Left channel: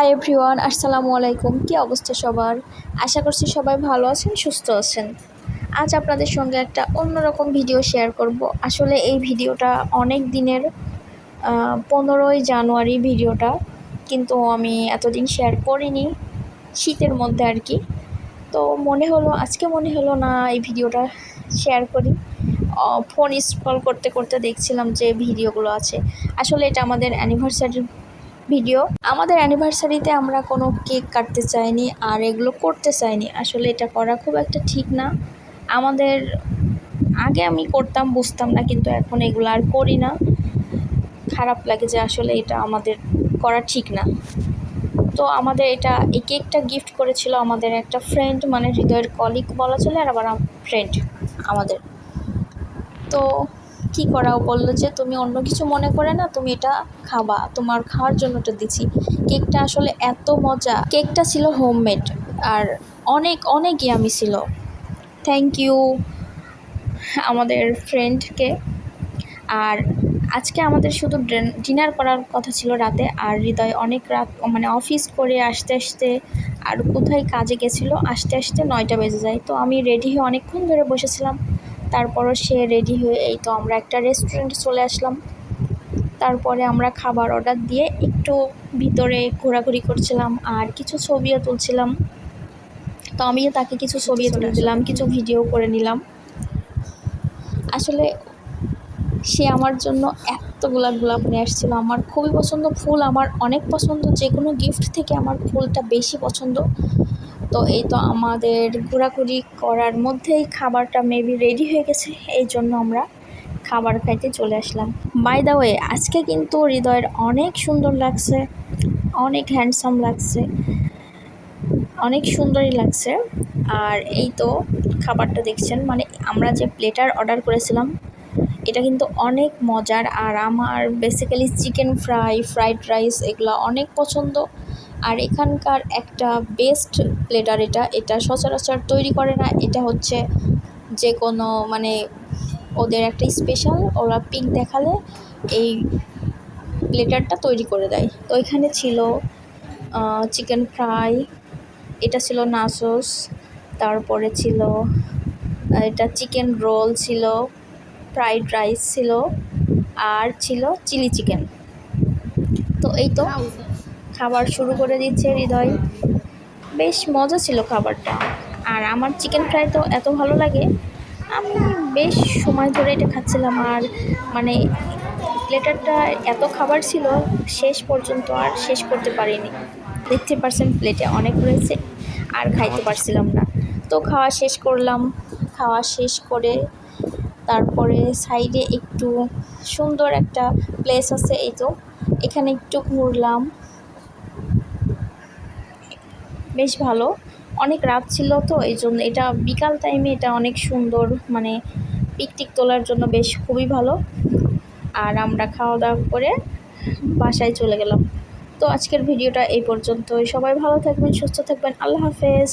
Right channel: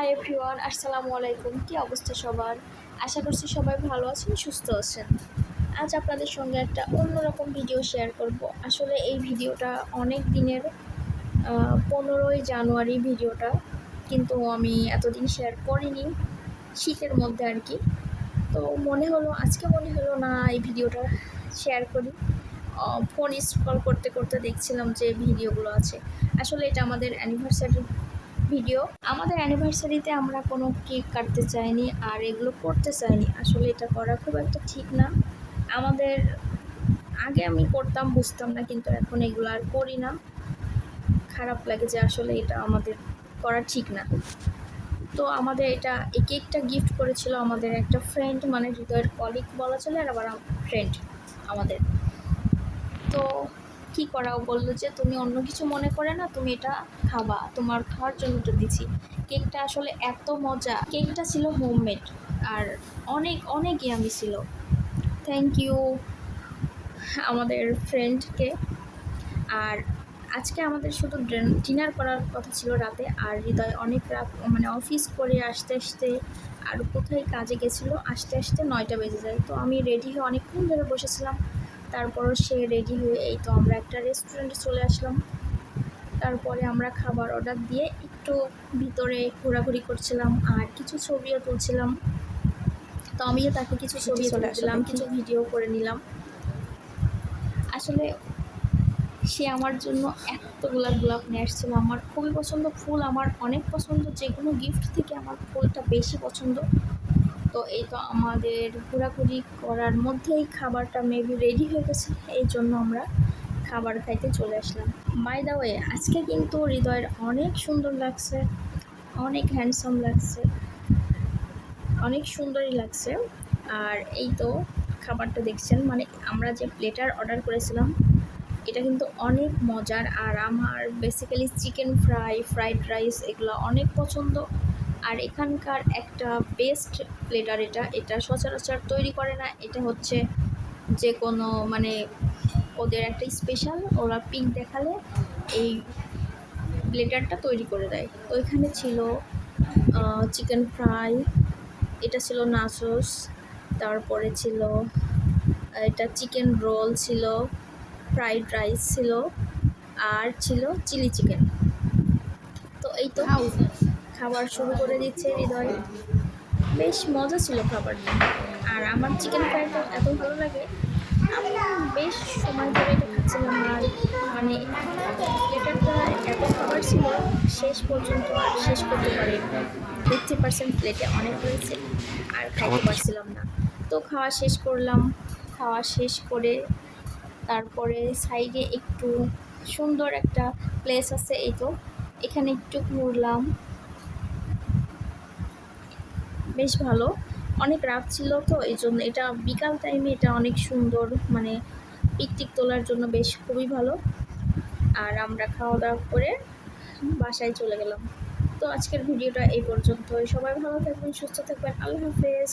Hi everyone, আসসালামু আলাইকুম। কী অবস্থা সবার? আশা করছি সবাই ভালো আছেন, সুস্থ আছেন। আজ আপনাদের সঙ্গে একটা অন্যরকম ভিডিও শেয়ার করব। আসলে এই ভিডিওটা অনেক দিনের, 15ই জানুয়ারি ভিডিওটা, কিন্তু আমি এতদিন শেয়ার করিনি, শীতের মধ্যে আর কি। তো আজকে মনে হলো না এই ভিডিওটা শেয়ার করি। ফোন স্ক্রল করতে করতে দেখছিলাম যে ভিডিওগুলো আছে। আসলে এটা আমাদের অ্যানিভার্সারির ভিডিও। আমাদের অ্যানিভার্সারিতে আমরা কোনো কেক কাটতে চাইনি আর এগুলো করতে চাইনি। আসলে এটা করা খুব একটা ঠিক না। আমাদের আগে আমি করতাম, বুঝতাম না, কিন্তু এখন এগুলো আর করি না। খারাপ লাগে যে আসলে এটা আমাদের করা ঠিক না। তো আমাদের এই কেকটা গিফট করেছিল আমাদের একটা ফ্রেন্ড, মানে হৃদয়ের কলিগ বলা চলে, আর আবার ফ্রেন্ড আমাদের। তো কী করা, বললো যে তুমি অন্য কিছু মনে করে না, তুমি এটা খাবা, তোমার খাওয়ার জন্য এটা দিছি। কেকটা আসলে এত মজা, কেকটা ছিল হোমমেড আর অনেক অনেক ইয়ামি ছিল। থ্যাংক ইউ আমাদের ফ্রেন্ডকে। আর আজকে আমাদের শুধু ডিনার করার কথা ছিল রাতে, আর হৃদয় অনেক রাত, মানে অফিস করে আসতে আসতে আর কোথায় কাজে গেছিলো, আসতে আসতে 9টা বেজে যায়। তো আমি রেডি হয়ে অনেকক্ষণ ধরে বসেছিলাম, তারপরও সে রেডি হয়ে এই তো আমরা একটা রেস্টুরেন্টে চলে আসলাম। তারপরে আমরা খাবার অর্ডার দিয়ে একটু ভিতরে ঘোরাঘুরি করছিলাম আর কিছু ছবিও তুলছিলাম। তো আমিও তাকে কিছু ছবি তুলে দিলাম, কিছু ভিডিও করে নিলাম। আসলে সে আমার জন্য এতগুলা গোলাপ নিয়ে আসছিল। আমার খুবই পছন্দ ফুল, আমার অনেক পছন্দ, যে কোনো গিফট থেকে আমার ফুলটা বেশি পছন্দ। তো এই তো আমাদের ঘোরাঘুরি করার মধ্যেই খাবারটা মেবি রেডি হয়ে গেছে, এই জন্য আমরা খাবার খাইতে চলে আসলাম। বাই দ্য ওয়ে, আজকে কিন্তু হৃদয়ের অনেক সুন্দর লাগছে, অনেক হ্যান্ডসাম লাগছে, অনেক সুন্দরই লাগছে। আর এই তো খাবারটা দেখছেন, মানে আমরা যে প্লেটার অর্ডার করেছিলাম এটা কিন্তু অনেক মজার। আর আমার basically chicken fry, fried rice এগুলো অনেক পছন্দ। আর এখানকার একটা বেস্ট প্লেটার, এটা সচরাচর তৈরি করে না। এটা হচ্ছে যে কোনো, মানে ওদের একটা স্পেশাল, ওরা পিক দেখালে এই প্লেটারটা তৈরি করে দেয়। তো এখানে ছিল চিকেন ফ্রাই, এটা ছিল নাচোস, তারপরে ছিল এটা চিকেন রোল ছিল, ফ্রাইড রাইস ছিল, আর ছিল চিলি চিকেন। তো এই তো খাবার শুরু করে দিচ্ছে হৃদয়। বেশ মজা ছিল খাবারটা। আর আমার চিকেন ফ্রাই তো এত ভালো লাগে, আমি বেশ সময় ধরে এটা খাচ্ছিলাম। আর মানে প্লেটারটা এত খাবার ছিল, শেষ পর্যন্ত আর শেষ করতে পারিনি। 50% প্লেটে অনেক রয়েছে, আর খাইতে পারছিলাম না। তো খাওয়া শেষ করলাম। খাওয়া শেষ করে তারপরে সাইডে একটু সুন্দর একটা প্লেস আছে, এই তো এখানে একটু ঘুরলাম, বেশ ভালো। অনেক রাত ছিল তো এই জন্য, এটা বিকাল টাইমে এটা অনেক সুন্দর, মানে পিকটিক তোলার জন্য বেশ খুবই ভালো। আর আমরা খাওয়া দাওয়া করে বাসায় চলে গেলাম। তো আজকের ভিডিওটা এই পর্যন্তই। সবাই ভালো থাকবেন, সুস্থ থাকবেন। আল্লাহ হাফেজ।